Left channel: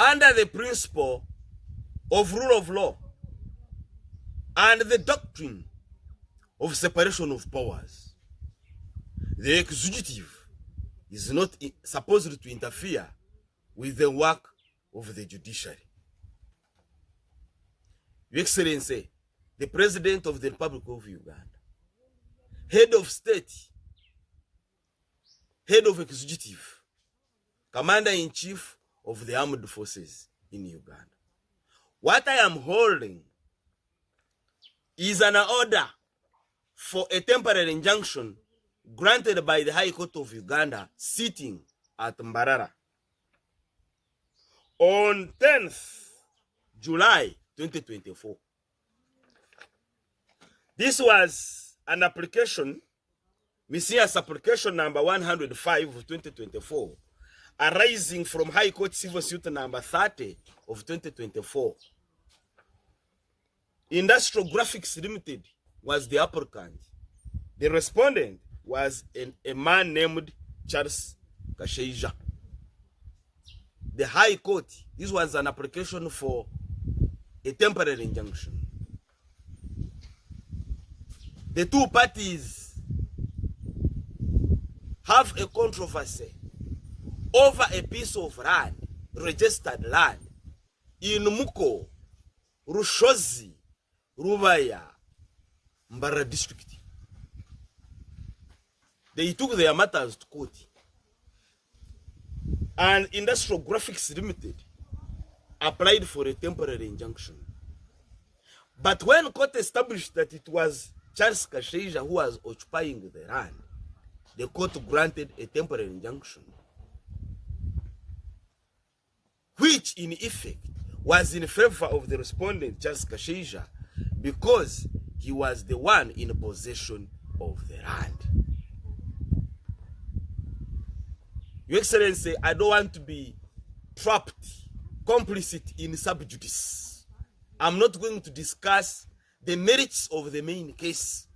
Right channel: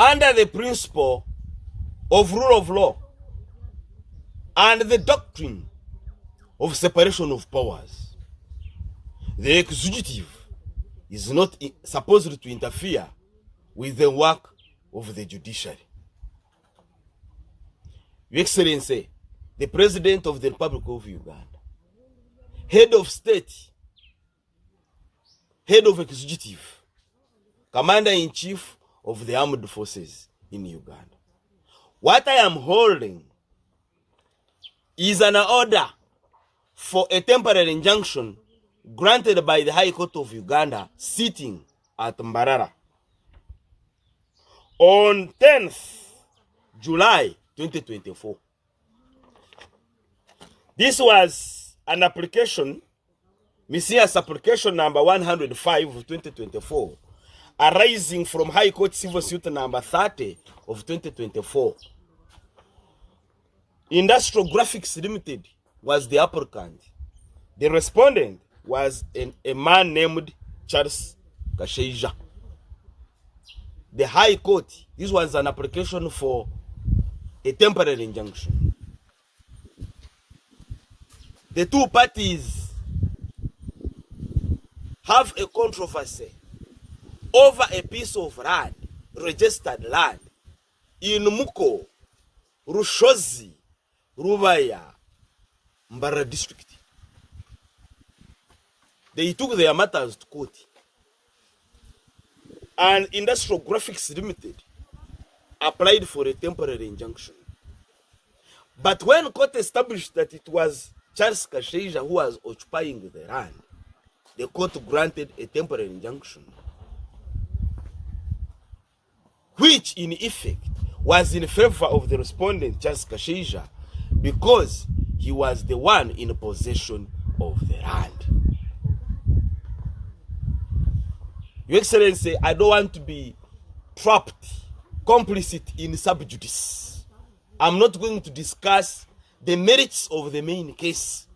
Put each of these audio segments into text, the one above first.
under the principle of rule of law and the doctrine of separation of powers. The executive is not supposed to interfere with the work of the judiciary. Your Excellency, the President of the Republic of Uganda, head of state, head of executive, commander-in-chief of the armed forces in Uganda. What I am holding is an order for a temporary injunction granted by the High Court of Uganda sitting at Mbarara on 10th July 2024. This was an application, Messiah's application number 105 of 2024, arising from High Court Civil Suit number 30 of 2024. Industrial Graphics Limited was the applicant. The respondent was a man named Charles Kasheija. The High Court, this was an application for a temporary injunction. The two parties have a controversy over a piece of land, registered land, in Muko, Rushozi, Rubaya, Mbara district. They took their matters to court. And Industrial Graphics Limited applied for a temporary injunction. But when court established that it was Charles Kasheija who was occupying the land, the court granted a temporary injunction, which in effect was in favor of the respondent, Charles Kasheija, because he was the one in possession of the land. Your Excellency, I don't want to be trapped, complicit in subjudice. I'm not going to discuss the merits of the main case.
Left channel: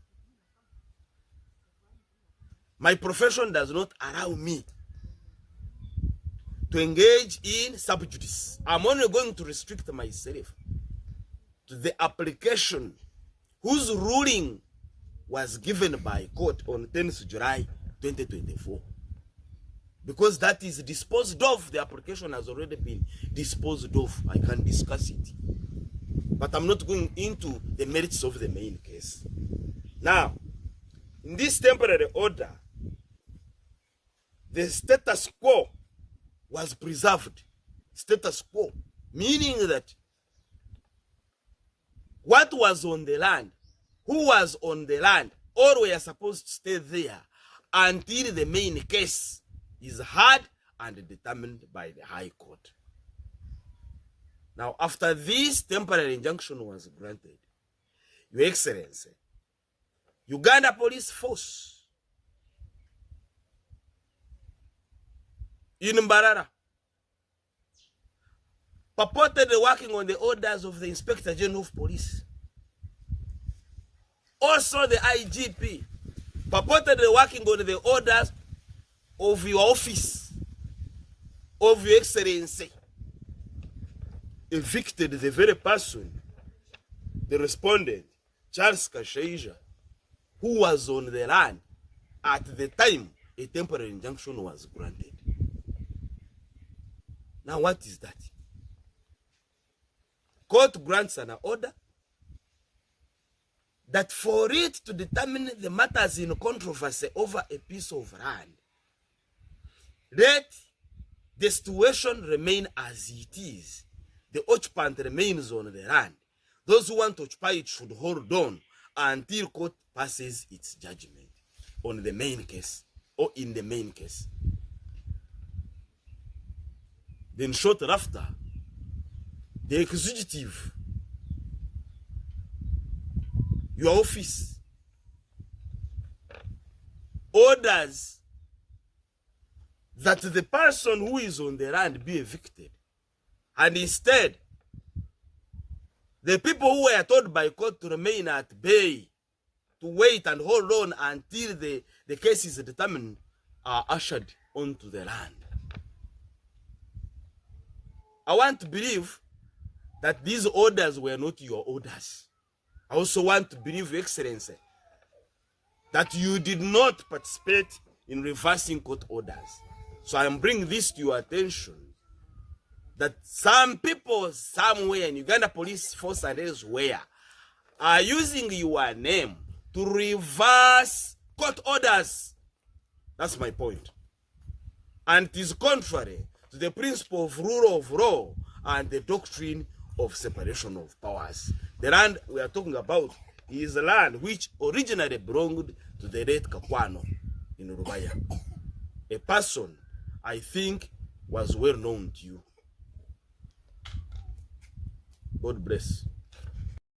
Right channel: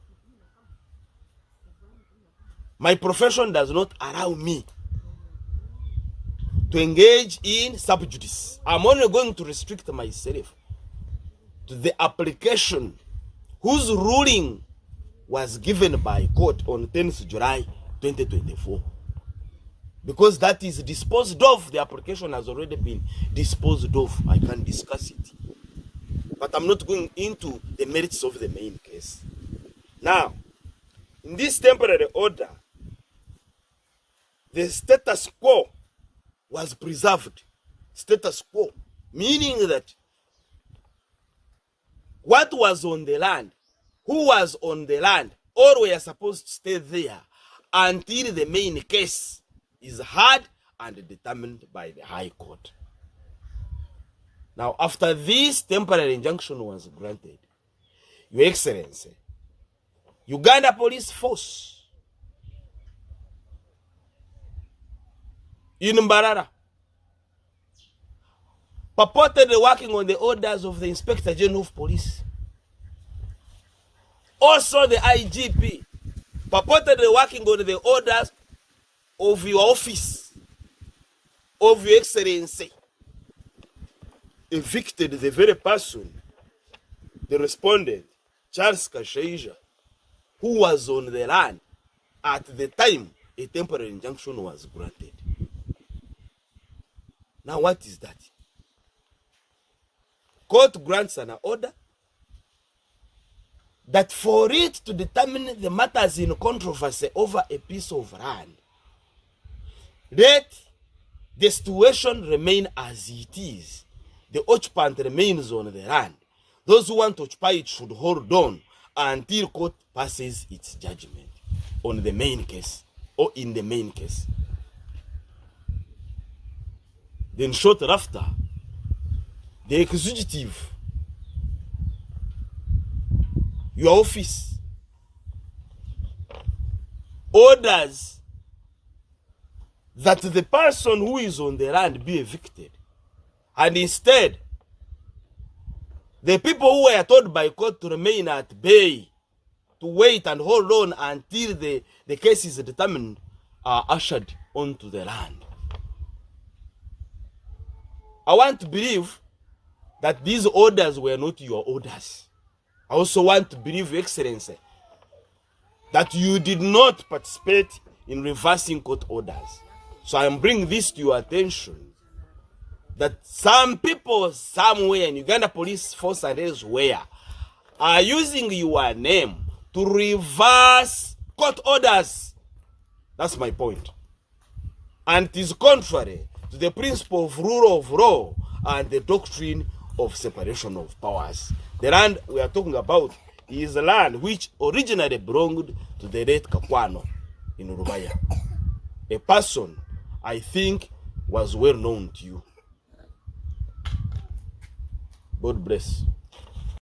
My profession does not allow me to engage in subjudice. I'm only going to restrict myself to the application whose ruling was given by court on 10th July 2024. Because that is disposed of. The application has already been disposed of. I can discuss it. But I'm not going into the merits of the main case. Now, in this temporary order, the status quo was preserved. Status quo, meaning that what was on the land, who was on the land, all were supposed to stay there until the main case is heard and determined by the High Court. Now, after this temporary injunction was granted, Your Excellency, Uganda Police Force in Mbarara, purportedly working on the orders of the Inspector General of Police, also the IGP, purportedly working on the orders of your office, of Your Excellency, evicted the very person, the respondent, Charles Kasheija, who was on the land at the time a temporary injunction was granted. Now what is that? Court grants an order that for it to determine the matters in controversy over a piece of land, let the situation remain as it is. The occupant remains on the land. Those who want to occupy it should hold on until court passes its judgment on the main case or in the main case. Then shortly after, the executive, your office, orders that the person who is on the land be evicted. And instead, the people who were told by court to remain at bay, to wait and hold on until the case is determined, are ushered onto the land. I want to believe that these orders were not your orders. I also want to believe, Your Excellency, that you did not participate in reversing court orders. So I am bringing this to your attention, that some people somewhere in Uganda Police Force and elsewhere are using your name to reverse court orders. That's my point. And it is contrary to the principle of rule of law and the doctrine of separation of powers. The land we are talking about is a land which originally belonged to the late Kakwano in Rubaya. A person I think was well known to you. God bless.